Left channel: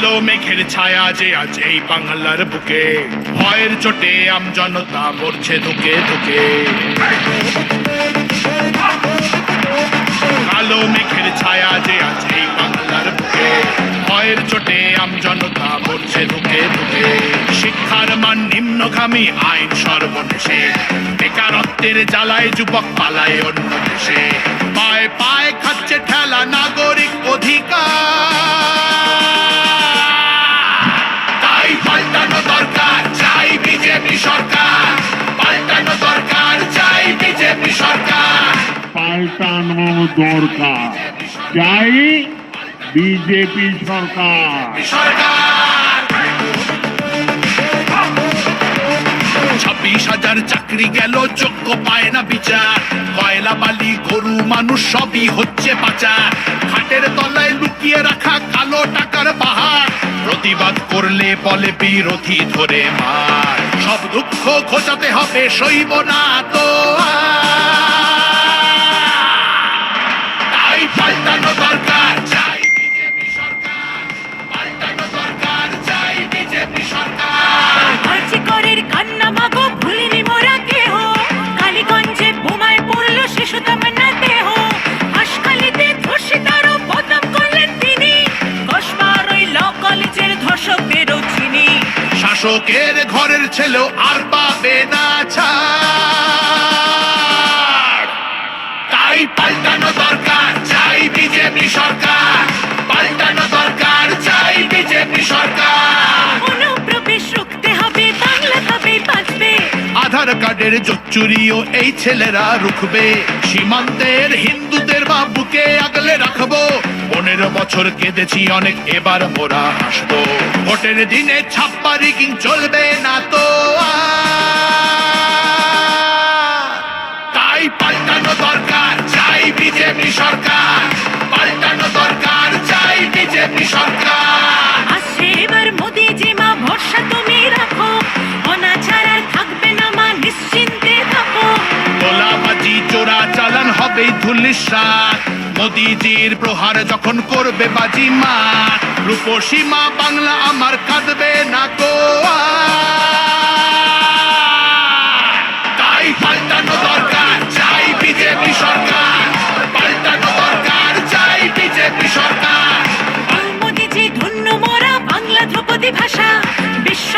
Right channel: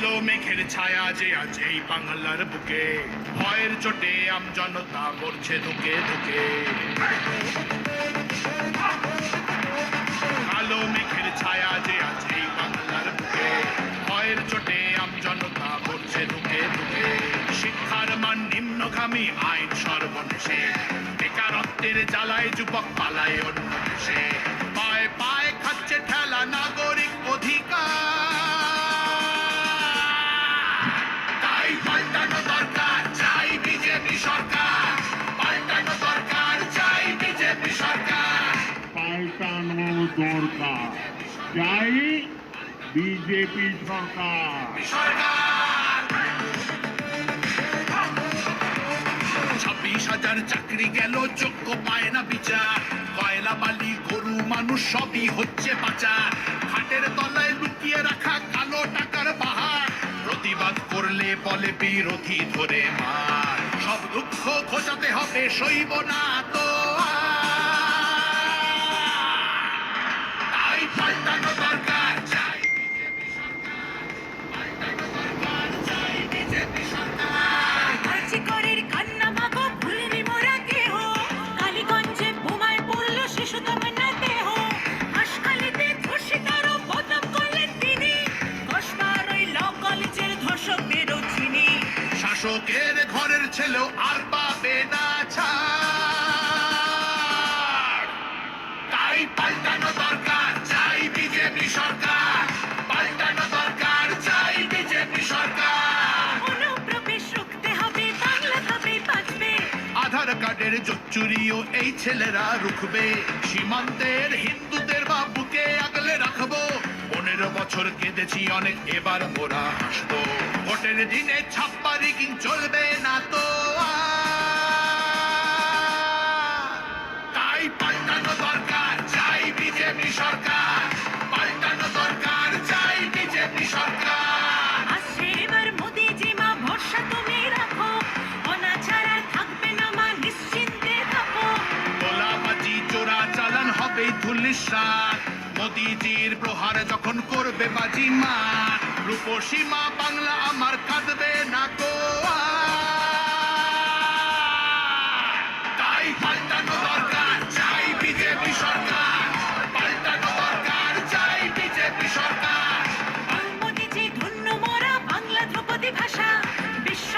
কালো মেঘের ছায়া যে আজ এই বাংলার বুকে, ভয়ের চোটে আমজনতা মরছে ধুকে ধুকে। কালো মেঘের ছায়া যে আজ এই বাংলার বুকে, ভয়ের চোটে আমজনতা মরছে ধুকে ধুকে। শিক্ষার মান নিম্নগামী, আইন সর্বনেশে, বেকারত্বের জ্বালায় যুবক পালায় অন্য দেশে। পায়ে পায়ে খাচ্ছে ঠেলা নাগরিক অধিকার, তাই পাল্টানো দরকার, চাই বিজেপি সরকার। পাল্টানো দরকার, চাই বিজেপি সরকার। পাল্টানো দরকার, চাই বিজেপি সরকার। 26,000 চাকরি গেল, যোগ্য পায় না বিচার। কয়লা বালি গরু মানুষ সবই হচ্ছে পাচার। খাটের তলায় লুকিয়ে রাখা কালো টাকার পাহাড়, প্রতিবাদ করলে বলে বিরোধী ধরে মার। সব দুঃখ খোঁজাতে হবে, সইব না তো তাই পাল্টানো দরকার, চাই বিজেপি সরকার। পাল্টানো দরকার, চাই বিজেপি সরকার। আর্যিকরের কান্না মাগো ভুলিনি মোরা কেহ, কালীগঞ্জে বোমায় পড়লো শিশু তামান্না দেহ। হাসখালিতে ধর্ষিতারও বদনাম করলেন তিনি, কসবার ওই ল কলেজের ধর্ষকদেরও চিনি। শাসকের ঘরের ছেলেও আর পাবে না ছাড়, তাই পাল্টানো দরকার, চাই বিজেপি সরকার। পাল্টানো দরকার, চাই বিজেপি সরকার। অনুপ্রবেশ রুখতে হবে, বাংলা তবেই বাঁচবে। আধার কার্ডের চুরিও এই ছেলেরা রুখবে। সীমান্তের হিন্দুদের বা বুকে আগলে রাখবো। 15 বছর কেঁদেছি অনেক, এবার মোরা হাসবো। ভোটের দিনে ছাপ্পা রিগিং চলবে না তো আর। তাই পাল্টানো দরকার, চাই বিজেপি সরকার। পাল্টানো দরকার, চাই বিজেপি সরকার। আসছে এবার মোদি জিমা, ভরসা তুমি রাখো। অনাচার আর থাকবে না মা, নিশ্চিন্তে থাকো। তোলাবাজি চোরা চালান হবে ধুলিসাৎ। মোদিজির প্রহার যখন করবে বাজি মার, রূপসী মা বাংলা আমার কাঁদবে না গো আর। তাই পাল্টানো দরকার, চাই বিজেপি সরকার। পাল্টানো দরকার, চাই বিজেপি সরকার। মোদিজি ধন্য মোরা, বাংলা ধ্রুপদী ভাষা। বিশ্ব